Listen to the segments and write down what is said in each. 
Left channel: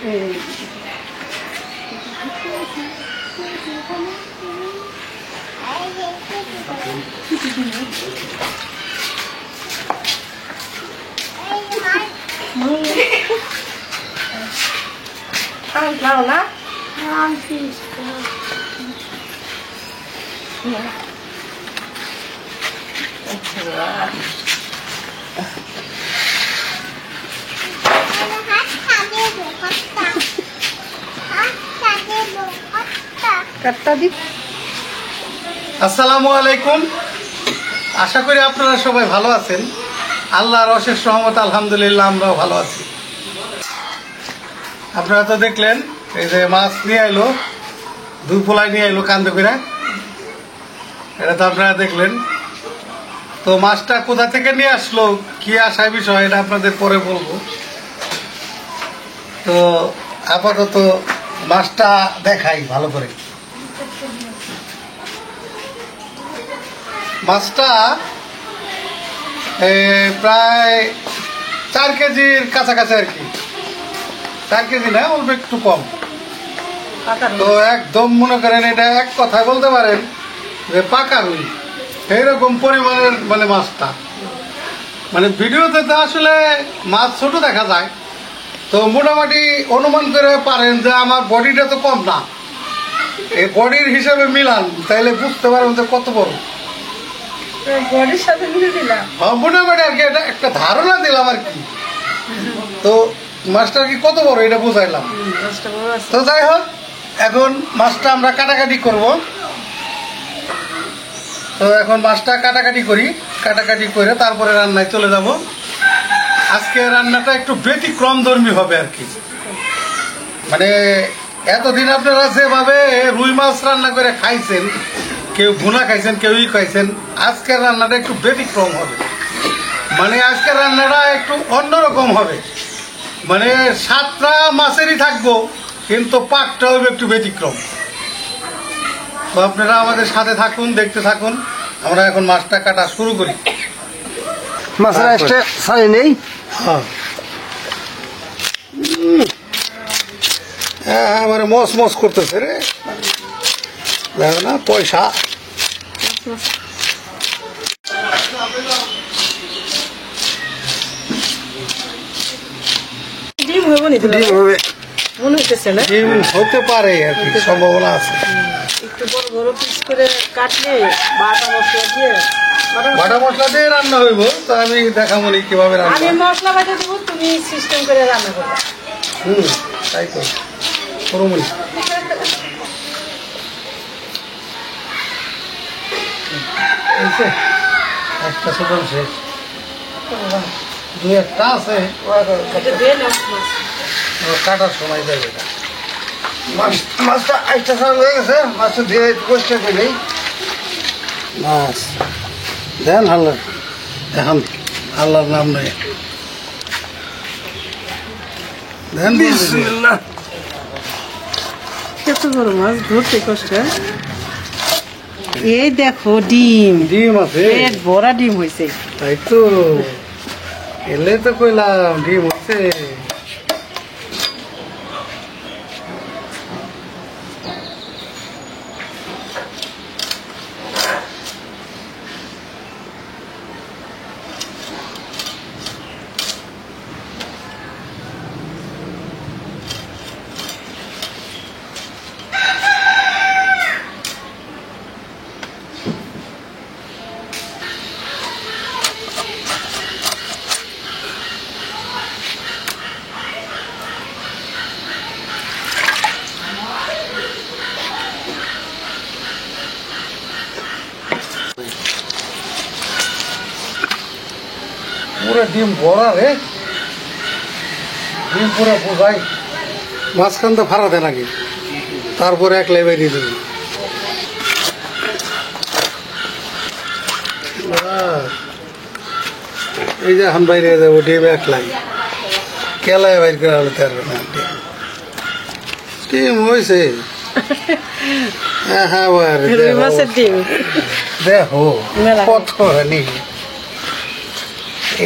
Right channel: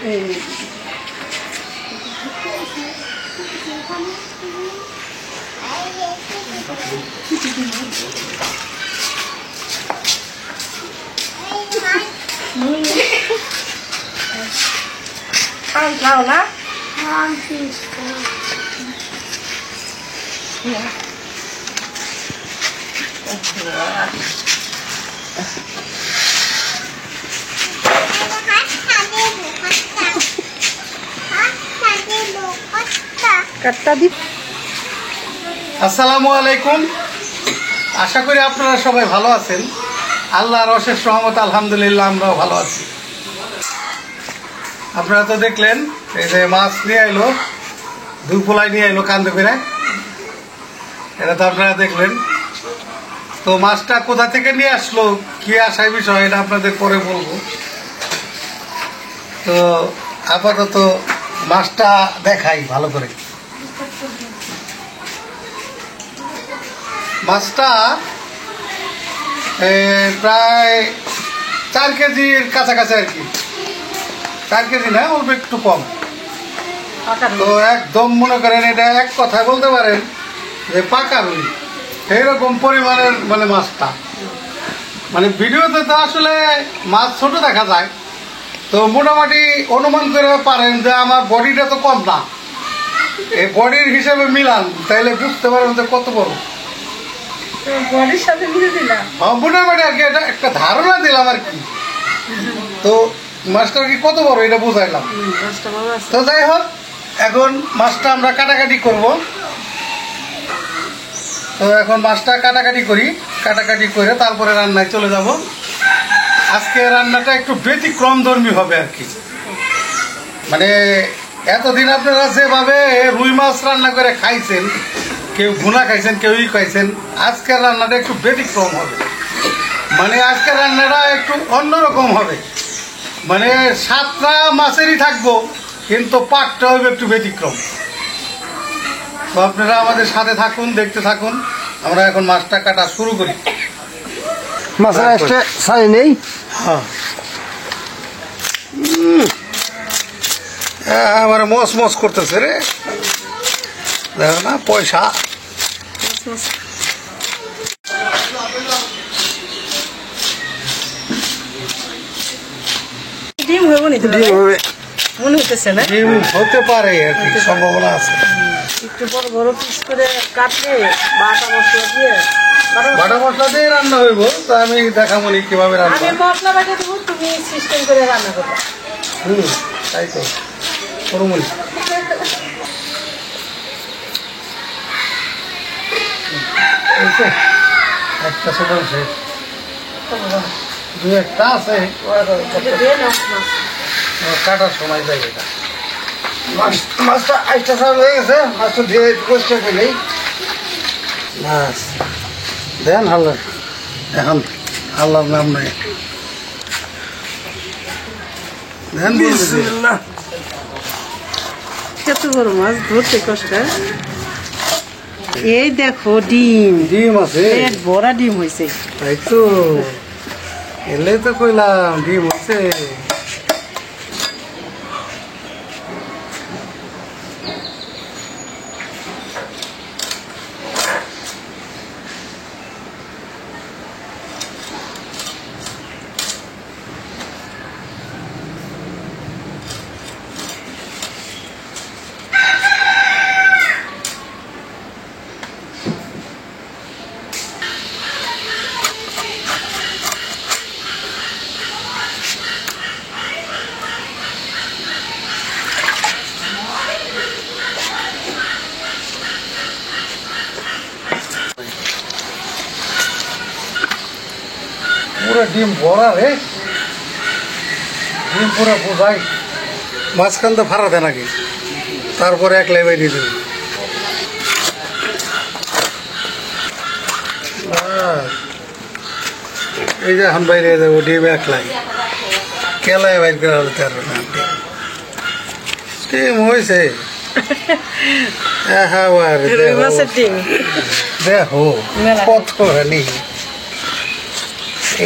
Mau na? আসসালামু আলাইকুম। আশা করি আপনারা সবাই ভালো আছেন। আল্লাহর অশেষ রহমত, আলহামদুলিল্লাহ আমরাও ভালো আছি। আপনারা তো দেখলেন এই যে মাছ নিয়ে আইলো, দুই পোলাই নিয়ে আইলো কান্দে করে, এটা তো আপনারা দেখলেন। তো মাছটা কোথা থেকে নিয়ে আসলো, কি আসার বিষয়, এটা আপনাদের পরে বলবো। তো আপাতত মাছটা দেখাই ভালো করে। মাছটা প্রায় 4 কেজির কাছাকাছি আর কি, 4 কেজি না, অল্প একটু কম। তো একদম মনে করেন এটা এক কথা বলতে পারেন যে পাকা রুই, এইরকম পরিমাণের মানে মাছটা। মানে ভিডিওতে তো আসলে মাছ ছোট দেখা যায়, তো মোটামুটি অনুমান করে পারেন যে আমার বডিটা তো কম না, এই বডির হিসাবে মিলান তাইলে বুঝতে পারবেন যে কত বড় বডির সাথে মিলে দিলাম। মোটামুটি আর কি, এটা একটা ধারণা দিলাম আর কি। তো মাছটা কি কত বড় এটা বুঝাইলাম। তো যাই হোক, এখন মাছটা আমরা কাটাকাটি করব। তো এখন মাছটা কাটাকাটি করি, কাটাকাটি করে তারপরে রান্নায় চলে যাব। আজকে রান্নাটা একটু ব্যতিক্রমধর্মী হবে আর কি। মানে এতদিন আপনারা যেভাবে রুই মাছ রান্না করে খাইছেন, কেউ ভুনা খাইছেন, কেউই খাইছেন, আজকের রান্নাটা একটু ব্যতিক্রম হবে। মানে আজকের রান্নাটা একটু অন্যরকম হবে। মানে 7টা মাছেরই থাকবো, কিন্তু পাকটা হবে একটু ব্যতিক্রম। তো আপনারা আমাদের সাথে থাকুন, দেখতে থাকুন। আমরা এখন মাছটা কাটা শুরু করি। মাছের একটা ছাই নেই। আমার মস মস করতেছে রে, দেখো না পয়সা। ডিম হবে না? ডিম হবে মনে হইতেছে না? ডিম হতে পারে আর কি, সম্ভাবনা আছে। একটু বড় বড় পিস করে কাটলে বাটা মশলা দিয়ে, বাটা মশলা দিয়ে রান্না হইব। তো আমি দেখাবো নি কিভাবে রান্না। আমি মশলা বাটা দেবো, তুমি সিস্টেম করে রান্না করবা। তাই তো করমনি। একটা ছোট শেষ, 2-1টা আছে, কাটার সময় যাই। এটা মাছটা আইসটা সারা হয়ে গেছে, মাছটা ধুয়ে পরিষ্কার করলেই মাছ দেন হাল্লা, এখন আল্লাহর নাম নেই দেন। বিসমিল্লাহ। কত বড় মাছ ধরতে কষ্ট। এই দেখো ডিম, ডিম আছে, বড় ডিম হয়েছে। তাই তো এলে তো কইলাম ডিম হচ্ছে। পুরো ডিম ভরা রে, ডিম পুরো বোঝাই। মাঝখান তো ফাড়া দেন আগে, তারপরে এক লেবাই দিয়ে দেবেন। এই যে এখন বাইরে যাবো, ডিম একলাই কেলায় বাইর করে হলো 13 না ডিম হয়েছে। দেখো কত নেই,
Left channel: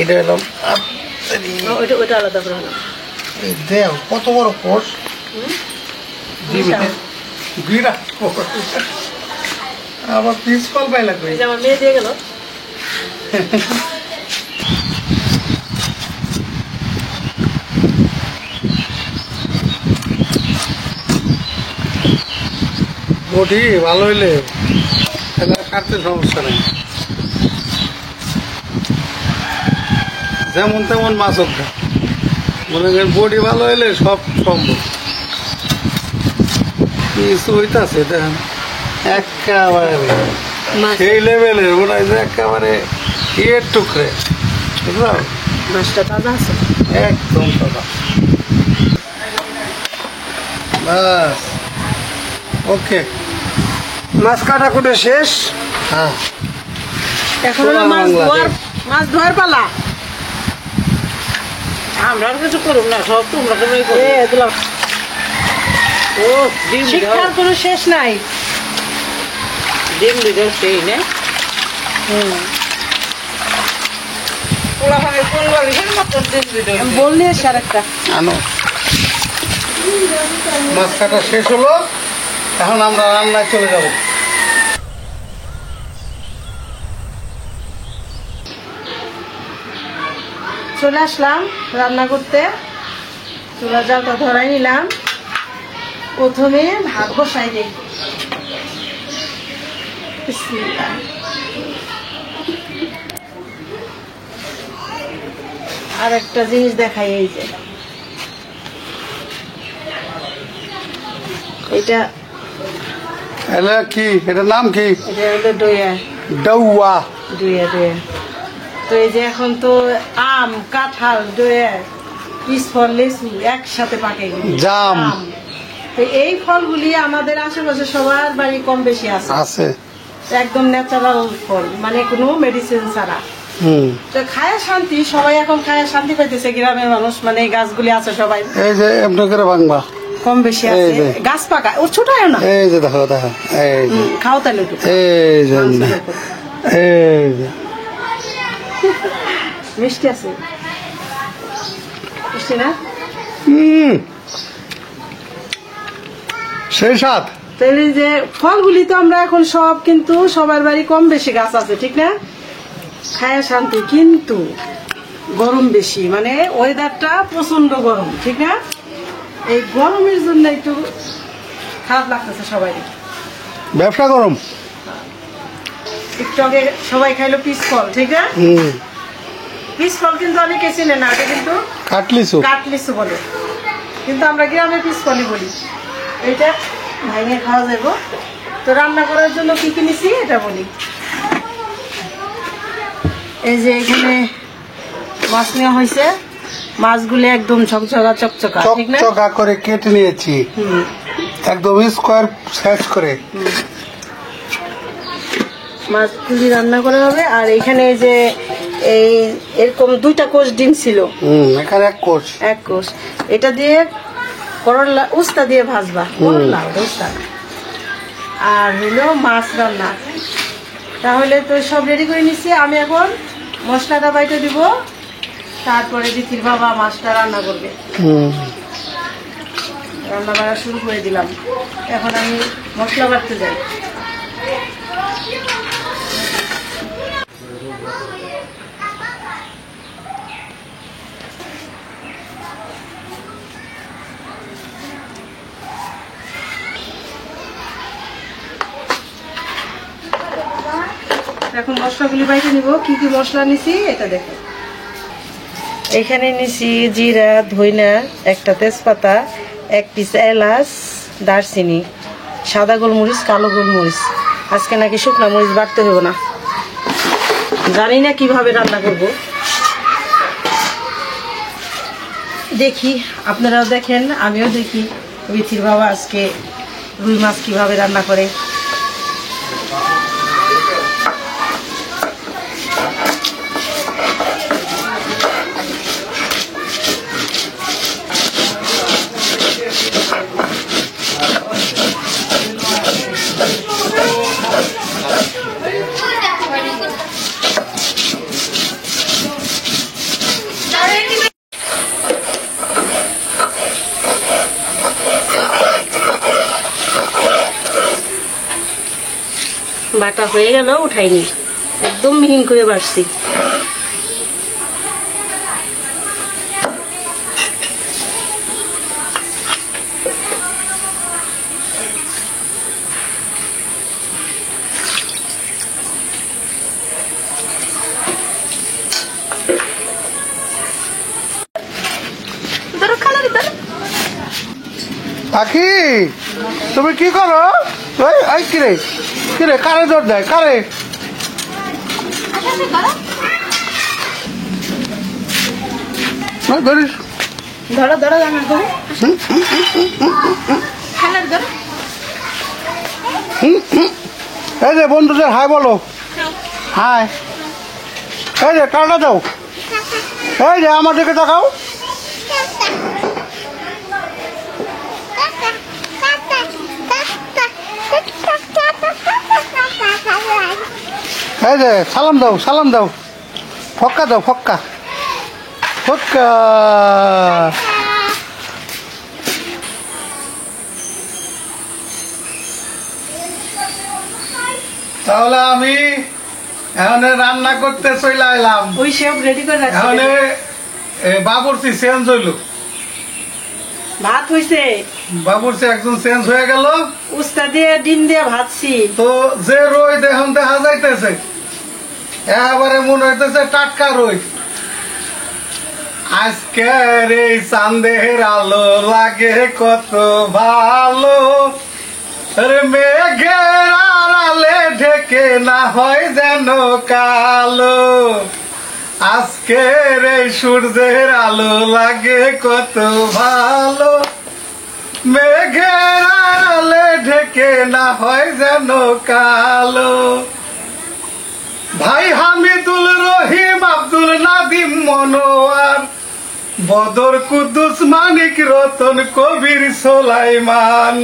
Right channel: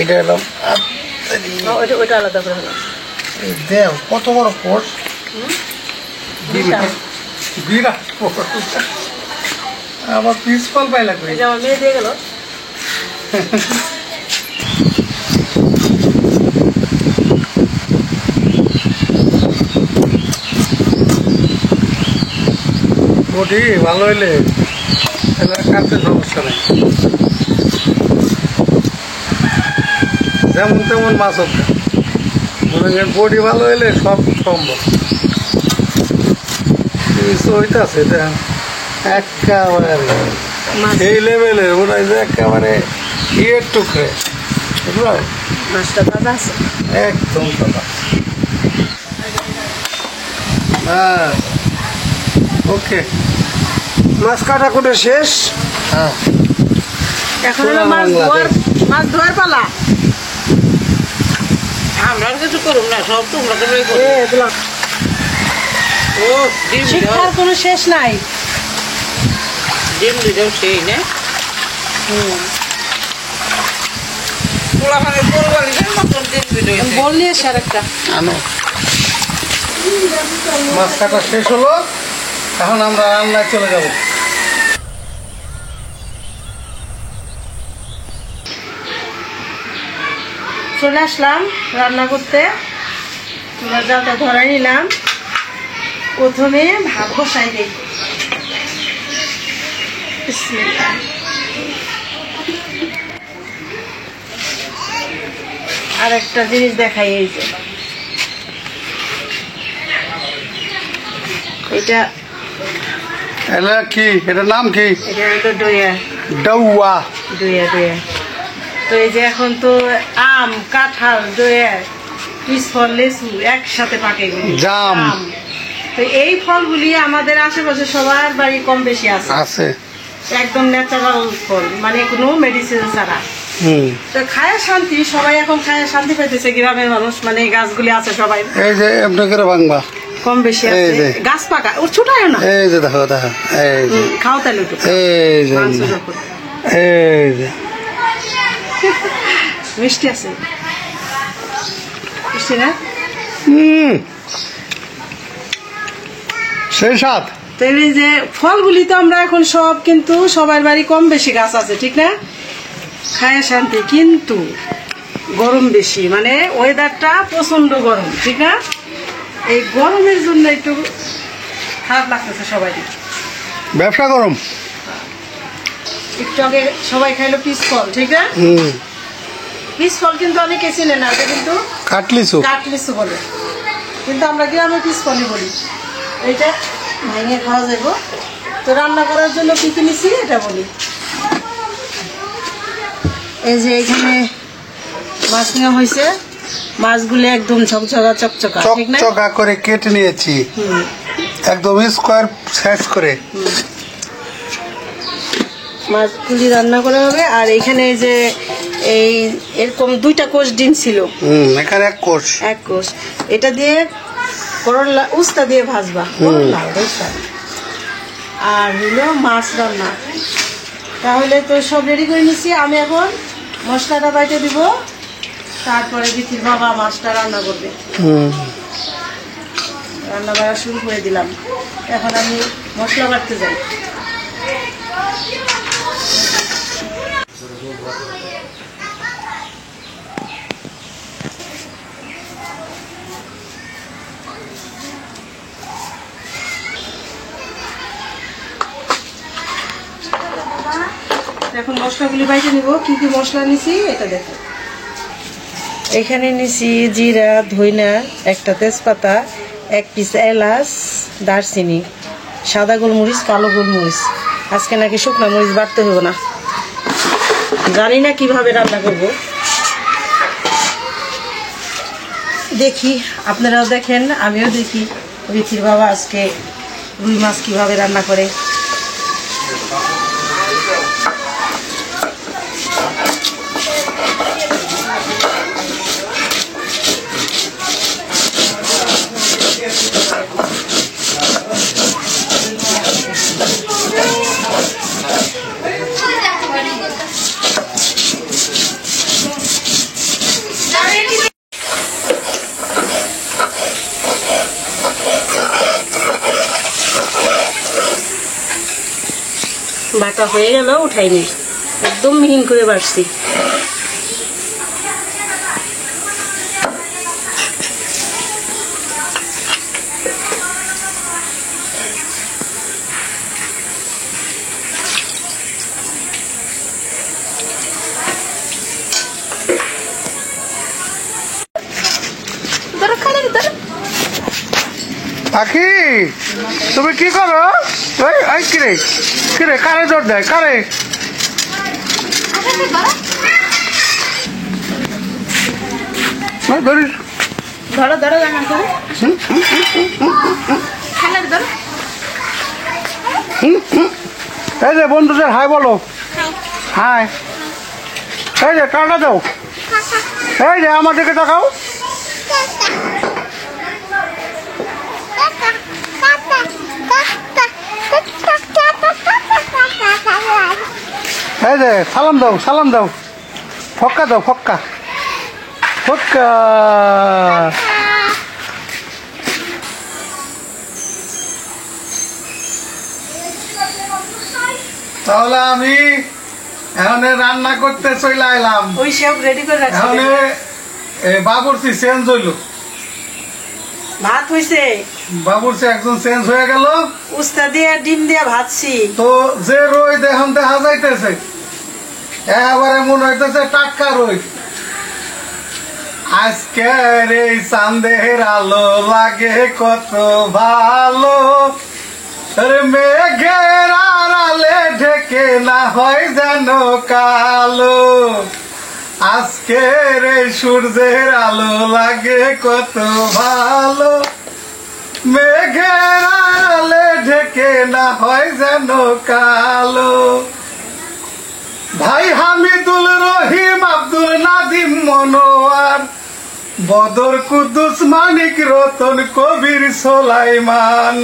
এটা এলাম দেও কত বড় পট, বিশাল। বিরাট পট। আবার পিস কল পাইলা কই? এই যে আমার মেয়ে দিয়ে গেল। বডি ভালো হইলে তাহলে কাটতে সমস্যা নেই, যেমন তেমন মাছ হোক না। মনে করেন বডি ভালো হইলে সব সম্ভব। কিছু হইতাছে দেখেন একেবারে এই লেভেলের মনে হয় যে একেবারে ইয়ের টুকরে, বুঝলো? মাছটা তাজা আছে। একদম দাদা। হ্যাঁ, ওকে। মাছ কাটা কুটে শেষ। হ্যাঁ, এখন হলো মাছ ধোয়ার পালা। আমরা আর কিছু করুন না, সব তোমরা করে দিলাম। ও ডিম শিক্ষার কোনো শেষ নাই। ডিম দিদাও সেই না পোলাখানে পরিবার মতন ডিম দিলে বললি স্যার একটা আনো। মাছ কাটা শেষ হলো, এখন আমরা রান্নায় চলে যাব। চলে আসলাম রান্না করতে। চুলার জালটা ধরাই নিলাম। প্রথমে ভাত বসাই দিই। বিসমিল্লাহ। আর একটা জিনিস দেখাই, এই যে এটা এটা কি, এটার নাম কি? এটা হলো দইয়া। ডাউয়া। দইয়া দইয়া। তো এই যে এখন তো আম, কাঁঠাল, দইয়া, পিসফল, লেচু একসাথে পাকে গেল। জাম। তো এই ফলগুলি আমাদের আশেপাশে সবার বাড়ি কম বেশি আছে। আছে। একদম ন্যাচারাল ফল, মানে কোনো মেডিসিন ছাড়া। হুম। তো খায় শান্তি, সবাই এখন খায় শান্তি পাইতেছে। গ্রামের মানুষ মানে এই গাছগুলি আছে সবাই এই যে এমনি করে ভাঙবা, কম বেশি এই আছে। যে। গাছ পাকা ও ছোট হয় না। এই যে দেখো দেখো, এই যে খাও তাহলে একটু। এই যে মাংসের উপর। এই যে মিষ্টি আছে, মিষ্টি না? সেই সাত। তো এই যে ফলগুলি তো আমরা এখন সব কিন্তু সবার বাড়ি কম বেশি গাছ আছে, ঠিক না? খায় শান্তি, কিন্তু গরম বেশি, মানে ওয়েদারটা প্রচন্ড গরম, ঠিক না? এই গরমের জন্য একটু খারাপ লাগতেছে সবাই। ব্যবসা গরম। একটু আগে সবাই খাইলো পিস ফল, ঠিক না? হুম। পিস ফল কিন্তু অনেকে চিনে না, এটা কিন্তু কাটলিছু। কাটলিচু বলে, কিন্তু আমরা গ্রামে পিস ফলই বলি। এটা ভাইঙে খাওয়া যাবো। তো রান্না করার জন্য কি কি নিছি এটা বলি। এই যে এখানে মাছ নেওয়া হয়েছে, মাছগুলো একদম ঝকঝকা চকচকা, ঠিক না? চকচকা করে কেটে নিয়েছি, হুম। একদম স্কোয়ার সাইজ করে। মাছগুলি রান্না করা হবে। আর এখানে এই যে এই এরকম 2টা কোষ ডিম ছিল, এখানে এক কোষ। এক কোষ। এটা দিয়ে করলা উস্তা দিয়ে ভাজবা, করলা উস্তা। আর হইলো মাছ রান্না। তাহলে তো সব রেডি করে নিছি। আমি এখন মশলাটা বাইটে দিব, তারপরে বিথির বাবা মাছটা রান্না করবে। রান্না বাড়া শুরু করে দিলাম। এখন আমি মশলা বাটতে যাই। এখন মশলাগুলি বাইটে নিব। কি কি মশলা নিছি এটা দেখো। এখানে নিছি জিরা, ধইনা, একটা তেজপাতা, 1 পিস এলাচ, দারচিনি, সাদা গোলমরিচ, কালো গোলমরিচ। আজকে নাকি শুকনা মরিচ বাটতে হবে না, জানি না কিভাবে রান্না করব। দেখি, আপনারাও দেখেন, আমিও দেখি বিথির বাবা আজকে রুই মাছ কিভাবে রান্না করে। বাটা হয়ে গেল, উঠাইনি, একদম মিহিন করে বাড়ছি। পাখি তুমি কি করো? ওই কিরে কিরে, কারে জোর দেয়, কারে? ধরিস ধরো ধরো এই যে বন্ধুদের হাই বলো, হাই। এই যে টাটা দাও, এই যে আমার দিকে তাকাও। এই যে সালাম দাও, সালাম দাও, ফক্কা দাও, ফক্কা ফক্কা। তাহলে আমি এখন রান্না করতে চলে এলাম। ওই সব রেডি করে রাখছি। এখন বাবুর্চি চেঞ্জ হইল, ভাত হইছে, বাবুর্চি একজন চেঞ্জ হয়ে গেল। উস্তা দিয়ে ডিম দিয়ে ভাজছি। তো যে রোদ এখন দেখা যাইতেছে, এবারে মনে হইতেছে টাটকা রোদ। আজকের এই চাঁদের আলো লাগে কত ভালো, মেঘের আড়ালে ঢেকে না হয় যেন কালো। আজকের এই সূর্যের আলো লাগে কত ভালো, মেঘের আড়ালে ঢেকে না হয় যেন কালো। ভাই হামিদুল রহিম আব্দুল নাদিম মনোয়ার বদর কুদ্দুস মানিক রতন কবির সোলাইমান।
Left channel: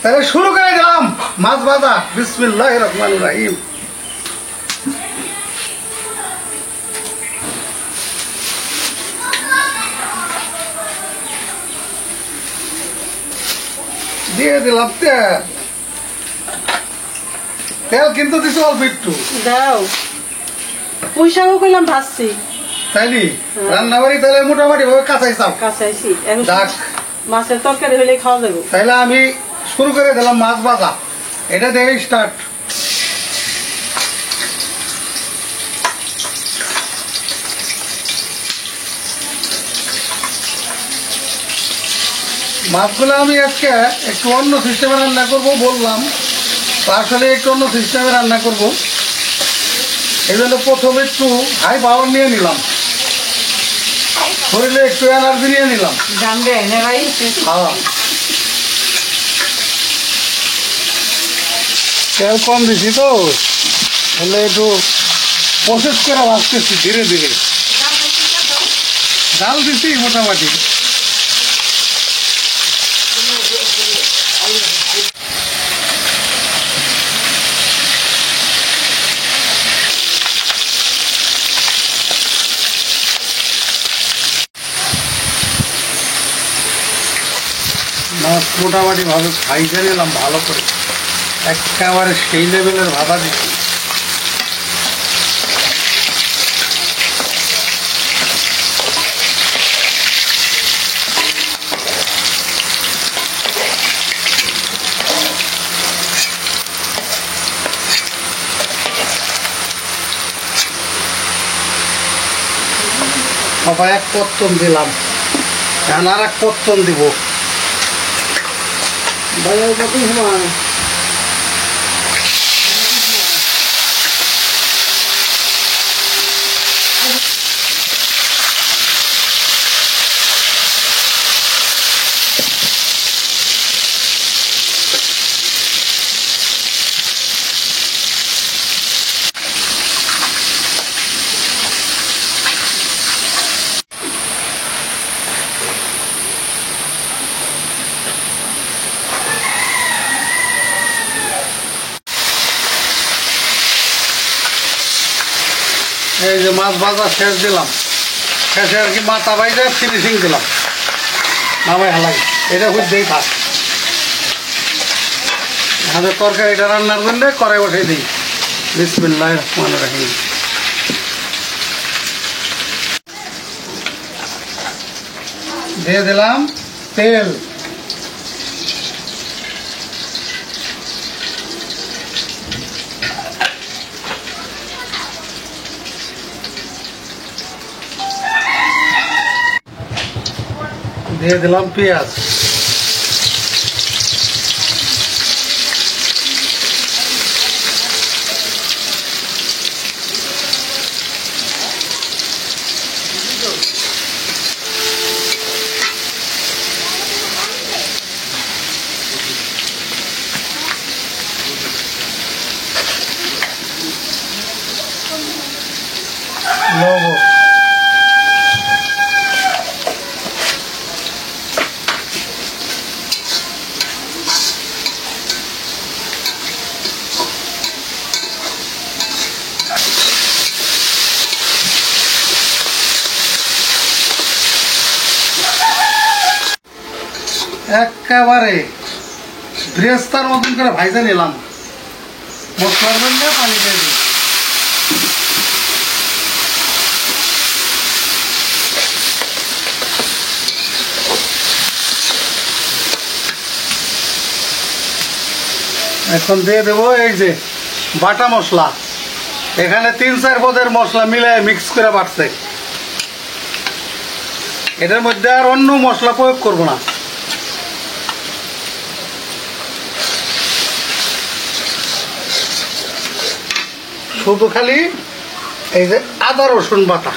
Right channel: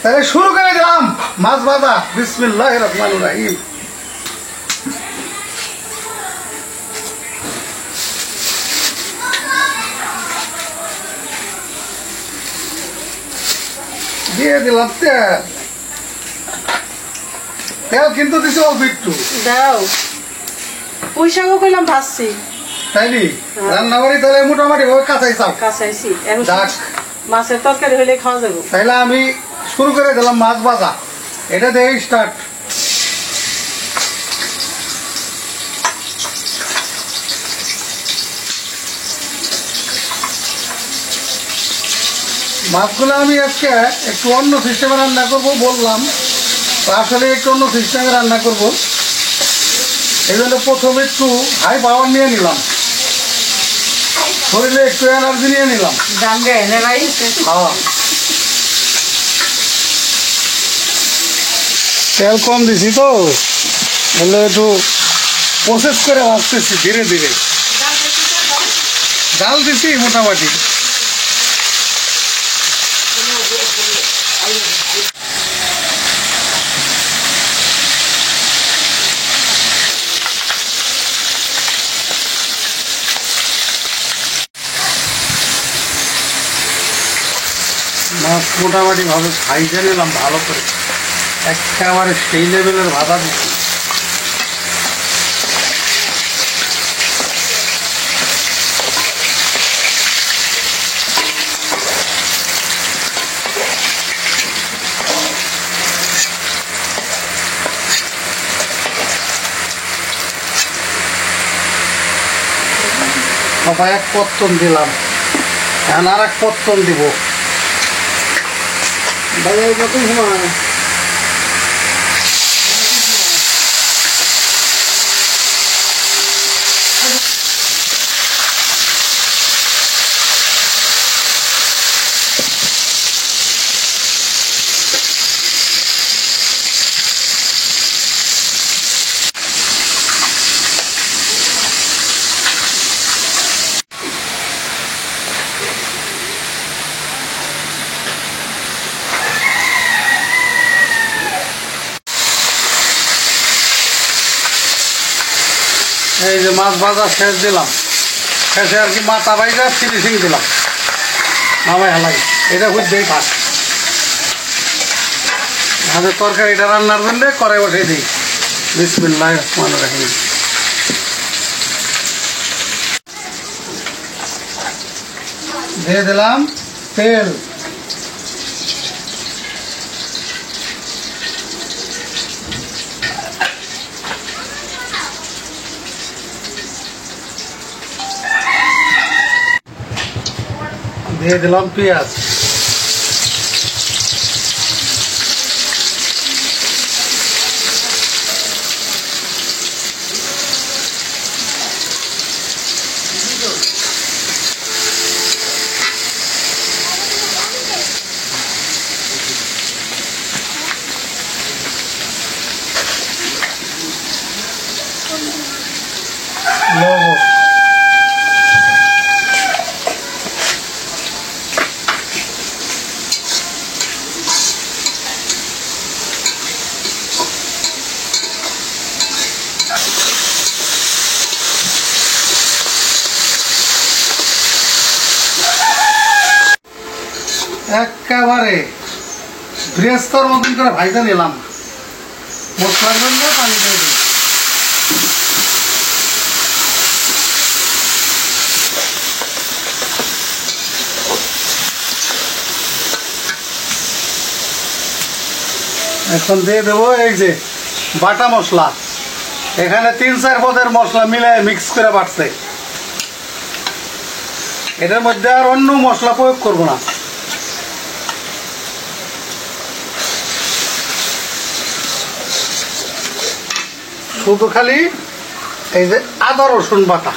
তাহলে শুরু করে দিলাম মাছ ভাজা। বিসমিল্লাহির রহমানির রহিম। দিয়ে দিলাম তেল, তেল কিন্তু দিছি অল্প একটু। দাও, পুঁই শাকও কইলাম ভাজছি। তাইনি রান্না বাড়ি তাহলে মোটামুটি ভাবে কাঁচাই চাও কাঁচাইছি, এখন ডাক। মাছের তরকারি হলে খাওয়া যাবে। তাইলে আমি শুরু করে দিলাম মাছ ভাজা। এটা দিয়ে স্টার্ট। মাছগুলো আমি আজকে একটু অন্য সিস্টেমে রান্না করব বললাম, তো আসলে একটু অন্য সিস্টেমে রান্না করব। এই জন্য প্রথমে একটু হাই পাওয়ার নিয়ে নিলাম, শরীরে একটু এনার্জি নিয়ে নিলাম। হ্যাঁ, তেল কম দিছি তো, বলে একটু প্রসেস করে ভাজতেছি ধীরে ধীরে। ডাল দিছি মোটামুটি। মাছ মোটামুটি ভাবে ভাইজা নিলাম ভালো করে, একেবারে সেই লেভেলের ভাজা দিচ্ছি। সবাই এক পত্তন দিলাম, এখন আর এক পত্তন দিব। ভাইয়ের মতো ঘুমায়। এই যে মাছ ভাজা শেষ দিলাম, শেষে আর কি মাথা বাইজা ফিনিশিং দিলাম। নামাই হালাই এটা খুব দেই থাক। আমাদের তরকারিটা রান্নার জন্য কড়াই বসাই দিই। বিসমিল্লাহির রহমানির রহিম। দিয়ে দিলাম তেল, দিয়ে দিলাম পেঁয়াজ, লবণ, একেবারে বৃহস্পতির মতন করে ভাইজা নিলাম। মশলার জন্য পানি দিয়ে দিই। এখন দিয়ে দেবো এই যে বাটা মশলা। এখানে 3-4 পদের মশলা মিলে মিক্স করে বাটছে। এটার মধ্যে আর অন্য মশলা প্রয়োগ করব না। শুধু খালি এই যে আদা রসুন বাটা।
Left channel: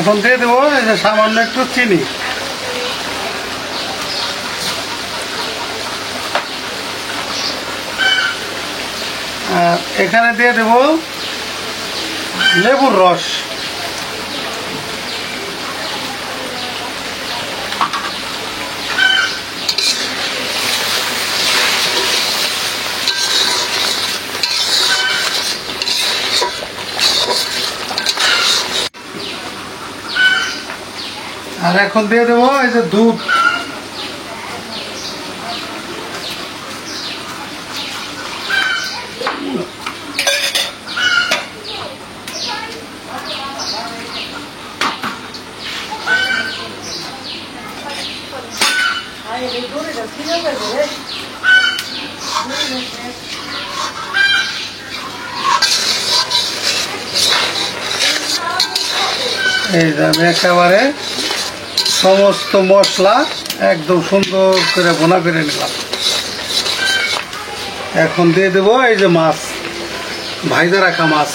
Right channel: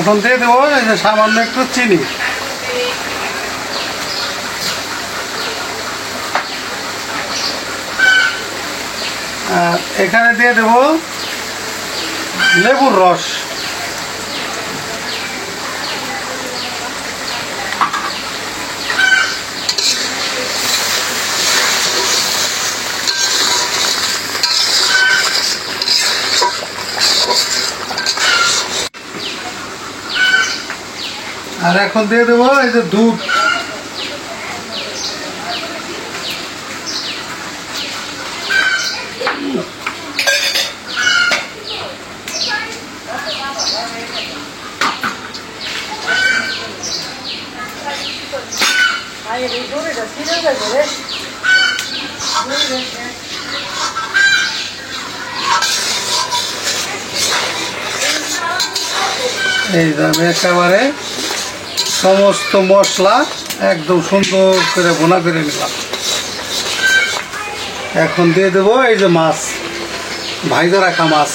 এখন দিয়ে দেবো এই যে সামান্য একটু চিনি, আর এখানে দিয়ে দেব লেবুর রস। আর এখন দিয়ে দেবো এই যে দুধ। এই যে আমি একেবারে সমস্ত মশলা একদম সুন্দর করে ভুনা করে নিলাম। এখন দিয়ে দেবো এই যে মাছ, ভাইজা রাখা মাছ।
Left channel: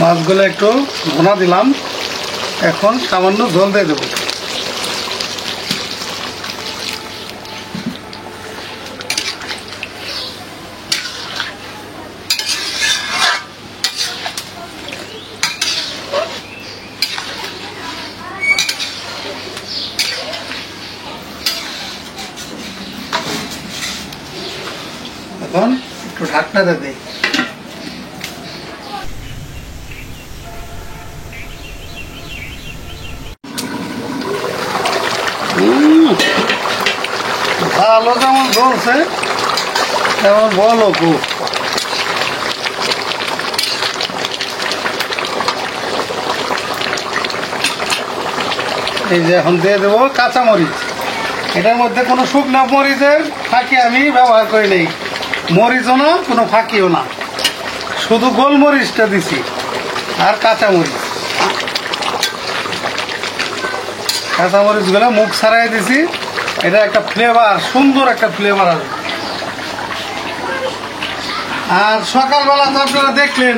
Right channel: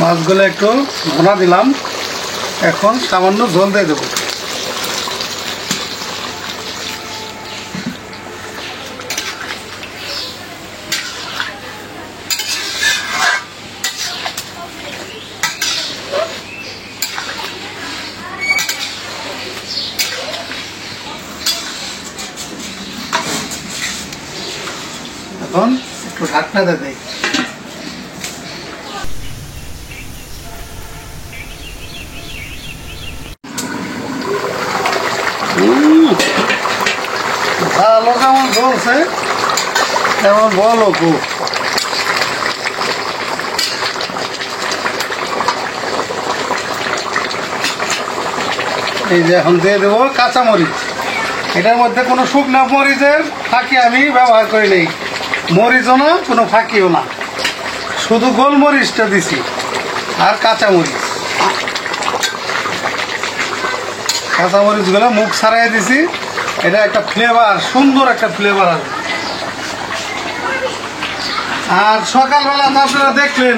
মাছগুলো একটু ভুনা দিলাম। এখন সামান্য ঝোল দিয়ে দেবো। এখন একটু ঢাকনা দিয়ে দেই। ভালো যেমন ধরছে তেমন বলো খুব। এই যে এখন দিয়ে দেবো কাঁচামরিচ। এটার মধ্যে কোনো শুকনো মরিচের ফাঁকি আমি ব্যবহার করি নেই, মরিচও না কোনো ফাঁকিও না, শুধু গোলমরিচটা দিছি আর কাঁচামরিচ। কাঁচামরিচগুলো মুখ ছাড়াই দিছি, এটা একটা ফ্লেভার, সুন্দর একটা ফ্লেভার আছে। আর সকালবেলা তো আপনারা দেখলেন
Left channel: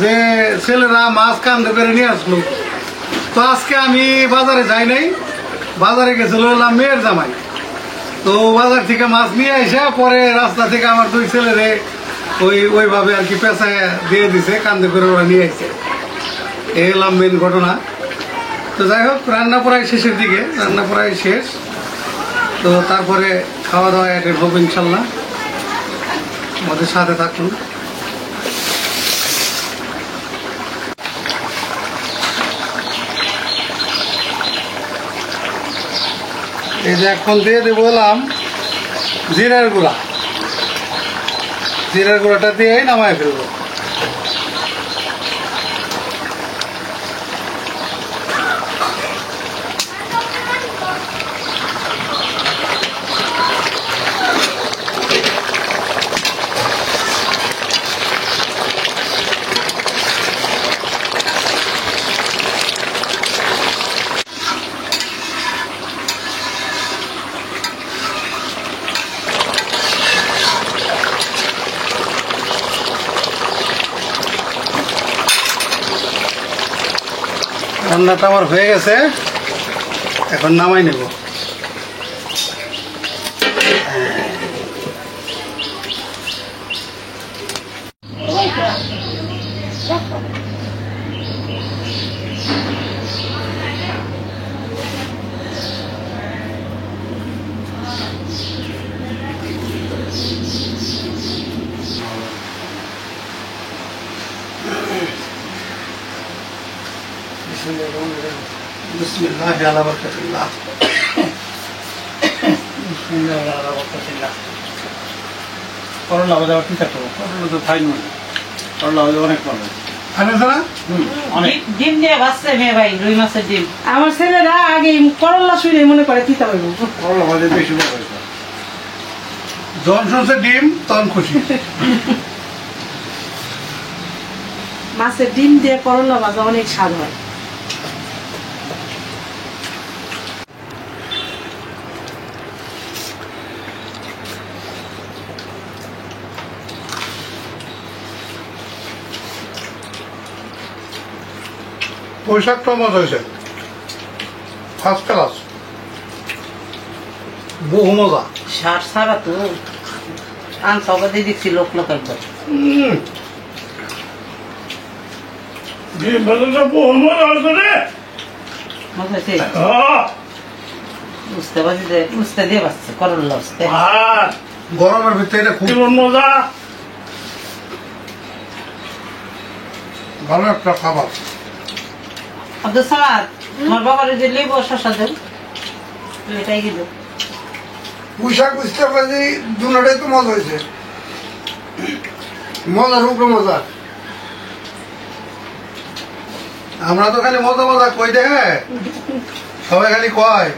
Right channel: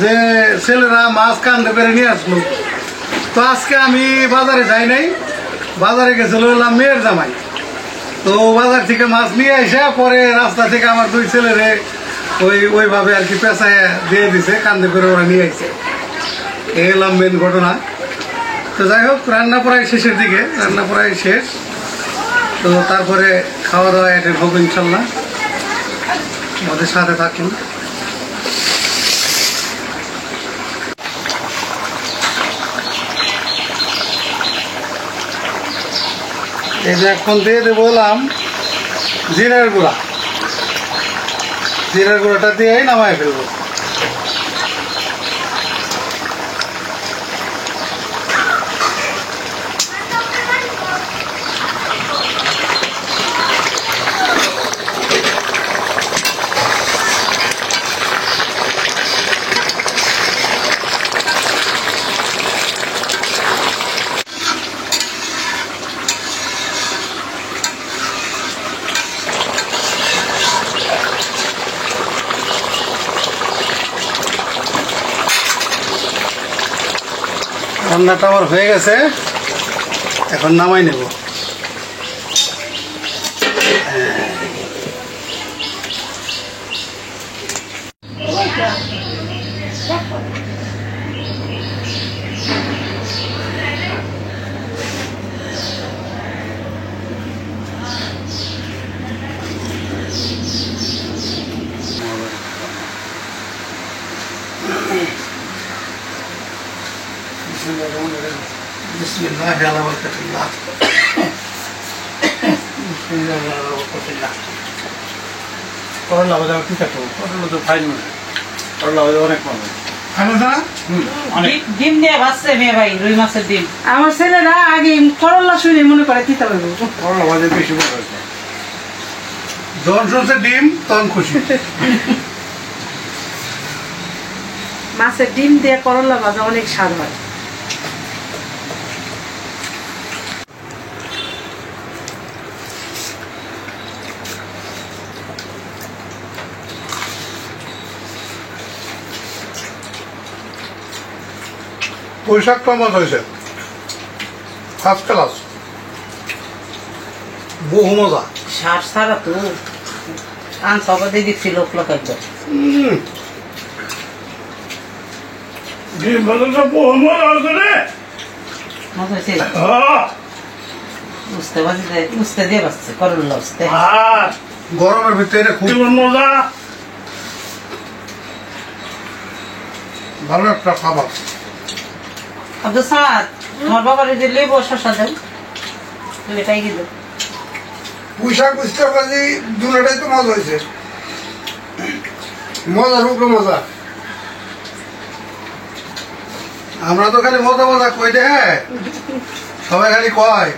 যে ছেলেরা মাছ কান্দে করে নিয়ে আসলো। তো আজকে আমি বাজারে যাই নাই, বাজারে গেছিল হলাম মেয়ের জামাই। তো বাজার থেকে মাছ নিয়ে এসে পরে রাস্তা থেকে আমার দুই ছেলেরে ওইভাবে আর কি পেঁচায় দিয়ে দিছে, কান্দে করে ওরা নিয়ে আসছে। এই হলাম মেন ঘটনা। তো যাই হোক, রান্না প্রায় শেষের দিকে, রান্না প্রায় শেষ। তো তারপরে খাওয়া দাওয়া অ্যাটেন্ড হোক ইনশাল্লাহ, আমাদের সাথে থাকুন। এই যে এখন দিয়ে দেবো বললাম জিরার গুঁড়া, জিরার গুঁড়াটা দিয়ে নামাই ফেলবো। রান্নাটা আমার হয়ে গেছে, এখন নামাই নেব। বিসমিল্লাহ আলা বারাকাতিল্লাহ। করলা ভাজা ঠিক আছে, করলা তো খাইনি, করলা ভাজা অনেক ভালো। ডিম দিয়ে ভাজছে মেয়ে ভাই, রুই মাছের ডিম। আমার ছেলেরা আগে করলা শুনে মনে করে তিতা হইব। করলা ভাজা বেশি ভালো হয়েছে। যখন শুনছে ডিম তখন খুশি। মাছের ডিম দিয়ে করলা ভাজা অনেক স্বাদ হয়। পোশাকটা মজা হয়েছে, ফার্স্ট ক্লাস, বহু মজা। সার সারা তো আন সবাই দিচ্ছি লোক লোক একদম। ডিম ভাজাটা বহু মজা হয়েছে রে। মজা হয়েছে, উস্তে দিয়ে বাঁচছে করল্লা উস্তে। আর গরমের ভিতরে এটা খুব মজা, ভালো একটা খাবার। আব্দুল সামাদ, তোমার বাবার যে লেবু শশা দেন, এটাই গেল। পুঁইশাক বুঝতে পারছি দুটাই তো মজা হয়েছে, মজার উপরে মজা। আমরা তো খালি মজা মজা কই দে, সবাই খালি কয়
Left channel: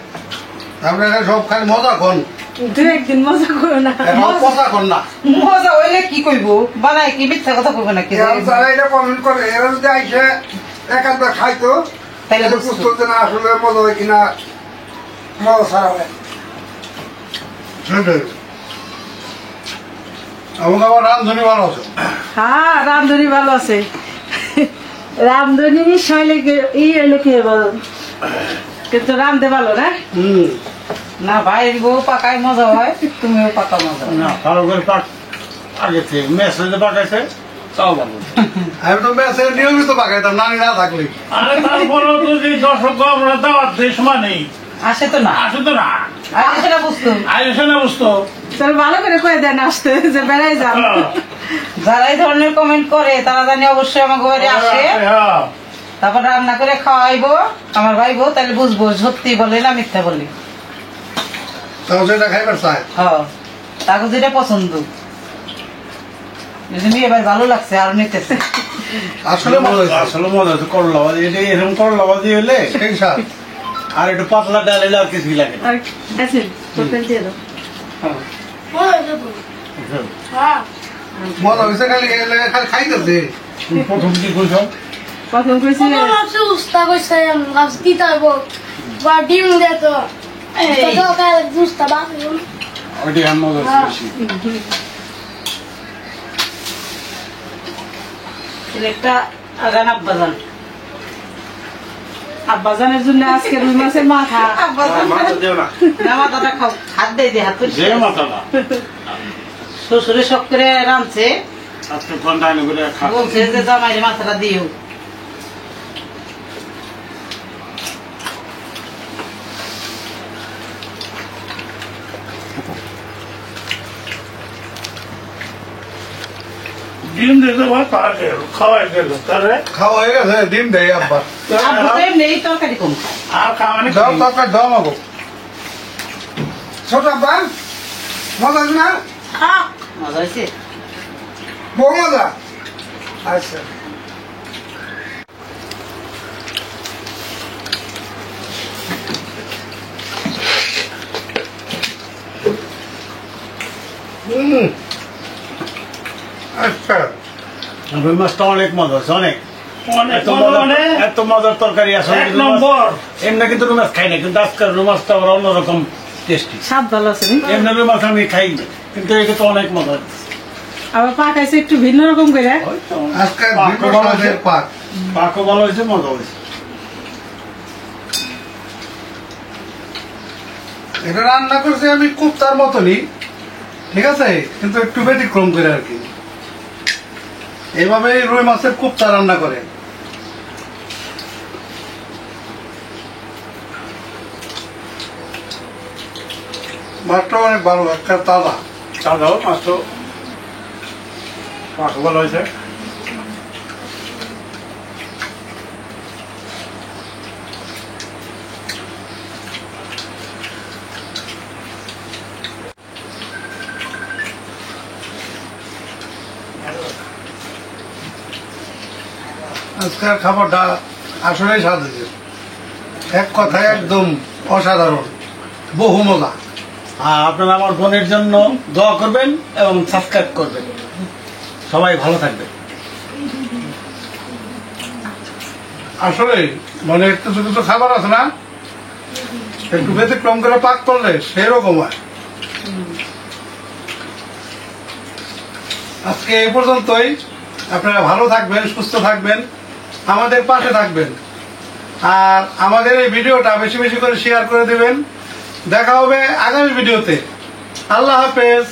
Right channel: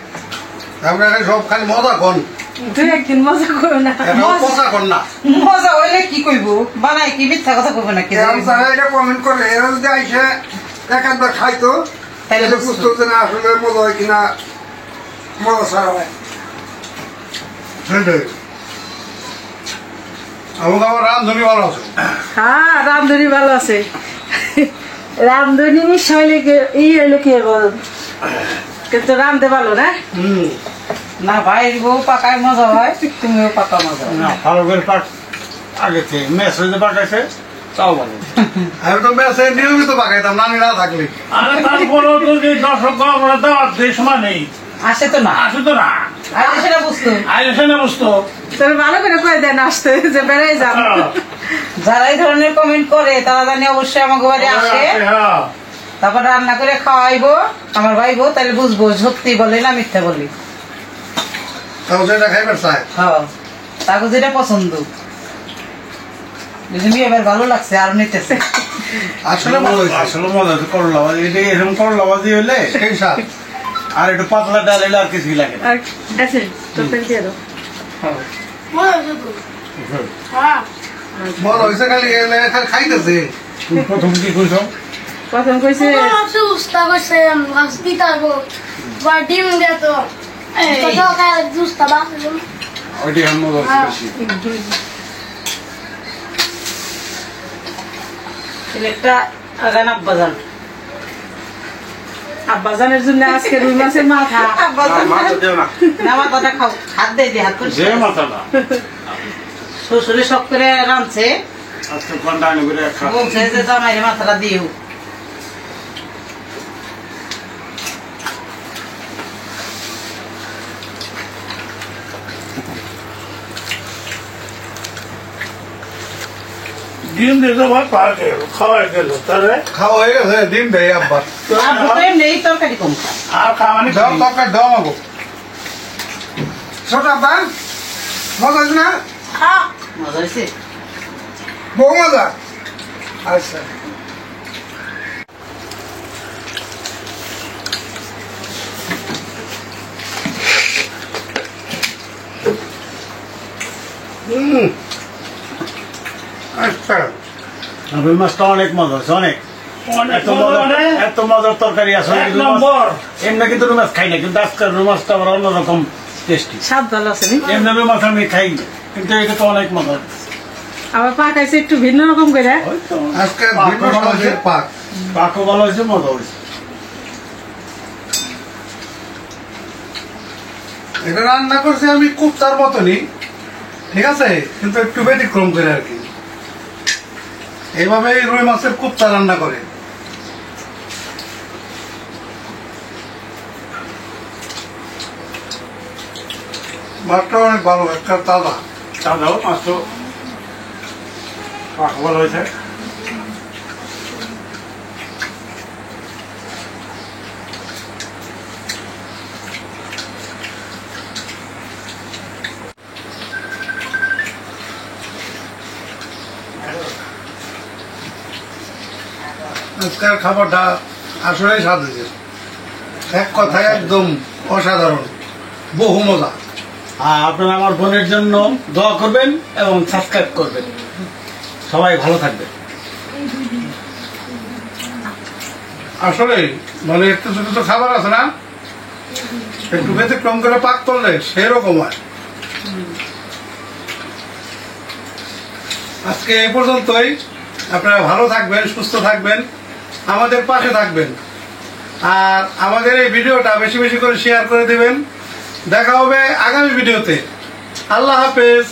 আমরা খালি সব খালি মজা কন, দুই একদিন মজা করো না। কথা কন না। মজা হইলে কি কইব, বানাই কি মিথ্যা কথা কইব নাকি? যারা এটা কমেন্ট করে এরা যদি আইসে একাধবার খাইতো তাহলে তাহলে বুঝতো যে না আসলে মজা হয় কিনা, মজা ছাড়া হয়। সেটাই। আমাকে আমার রান্ধনি ভালো আছে। হ্যাঁ, রামধনী ভালো আছে। রামধনী মিশাইলে এই হইলো কি বল, কিন্তু রামদে ভালো না। না ভাই, বউ পাকায় মজা হয়, তুমিও পাকা মজা হয়। না ভালো করে পাঠ আগে থেকে মেসেজে পাঠাইছে তাও ভালো। আমি তো মেসে নিয়মিত পাকাইতাম নানি না থাকলে। আরে তারপরেও তো যে দর্শক আমরা দেওয়ার যে সময় নেই, আসে তো না, আসে তো না, আর সেটা বুঝতো। আইসে না বুঝতো। তোর ভালো করে কয়ে দেন আসতে যে বেড়াই যান। যারা এই ধরনের কমেন্ট করে তারা জানি অবশ্যই আমার ঘরে আসে, হ্যাঁ, তারপর রান্না করে খাওয়াইবো, আমার ভাইবো, তাহলে বুঝবো সত্যি বলে না মিথ্যা বলি। তাও সেটা খাইবার চাই। হ্যাঁ, তাকে যেটা পছন্দ। যদি মেয়ে এবার ভালো লাগছে আর নিতেছে। আসলে ভালো হয়েছে। আসলে মজা হয়েছে করলা ভাজি, এটা এরকম করলা ভাজি হলে সেই স্বাদ। আর একটু পাতলা ডাল এলে আর কিছুই লাগে না। আর আছে তরকারি দিয়ে দাও। মজা হয়েছে খালি খাইতেছে। তুমি প্রথম কি কইছো? প্রথম কইছে উস্তা করছে মাছ দিতে হইব বা ডিম দিত উস্তা বাঁচবে ওইটি আর মজা হচ্ছে বেশি। একটা আগান আব্বাজান আব্বাজানের জন্য আজকে রুই মাছের মাথা। মাথা দেও না, না মাথাটা খাও, হাত দেয় দিয়ে হাত করে যে মাথাটা শ্বশুরে সব করে রাঁধছে, আজকে ঘন্টা আনে করে খা। বলছে যে জামাইরে মাথাটা দিও। ডিম দিতে খাওয়াই গেল তাহলে খাওয়া হয়ে গেছে, ডিম দেয় আব্বা। আব্বু তো এমনি তরকারি কম খায়। আর খাওয়ানি দাও তরকারি দাও আমাকে। ছোট আব্বা মজা হয়েছে না? মজা হয়েছে। বহু মজা। আচ্ছা আচ্ছা রুই মাছটা অনেক মজা হচ্ছে, অনেক অনেক এত মজা, এত মজার তরকারি আসলে এক নম্বর। এমনি কিন্তু রুই মাছ খাই না, কিন্তু আজকের রুই মাছটা আমার অন্যরকম টেস্টি। স্বাদ ভালো আছে নি? এমনি রুই মাছ আমি খাই না, কিন্তু এটা তো অনেক মজা। আবার পাকাইছে একটু ভিন্ন রকম করে। ওই তো আজকে পাকও ভালো হয়েছে, পাক পাকও ভালো হয়েছে, মজা হয়েছে। এটা রান্না করছি আমি কুপ্তার মতনই, ঠিক আছে, কিন্তু একটু ব্যতিক্রম করে আর কি। এইভাবে রুই মাছের কুপ্তা রান্না করে। মাছটা অনেক ভালো, একটা তাজা। সাদাও মাছ তো পাকও ভালো হয়েছে। আজকের খাবারটা আসলেই স্বাদ হয়েছে, এক কথায় একদম অসাধারণ, বহু মজা। আর আপনারা আমার বোনের জন্য দোয়া করবেন এবং সাবস্ক্রাইব করবেন। সবাই ভালো থাকবেন। আসলে মানে একটু ছোট ছোট খাবার আছে না, একটু ব্যতিক্রম করে পাক করলে সেরকম হয়। আজকে এই পর্যন্তই। আপনারা ভালো থাকবেন, সুস্থ থাকবেন, আমাদের পাশে থাকবেন, আর আমাদের এই ভিডিওটা বেশি বেশি করে শেয়ার করে দিবেন। দেখা হবে আগামী ভিডিওতে। আল্লাহ হাফেজ।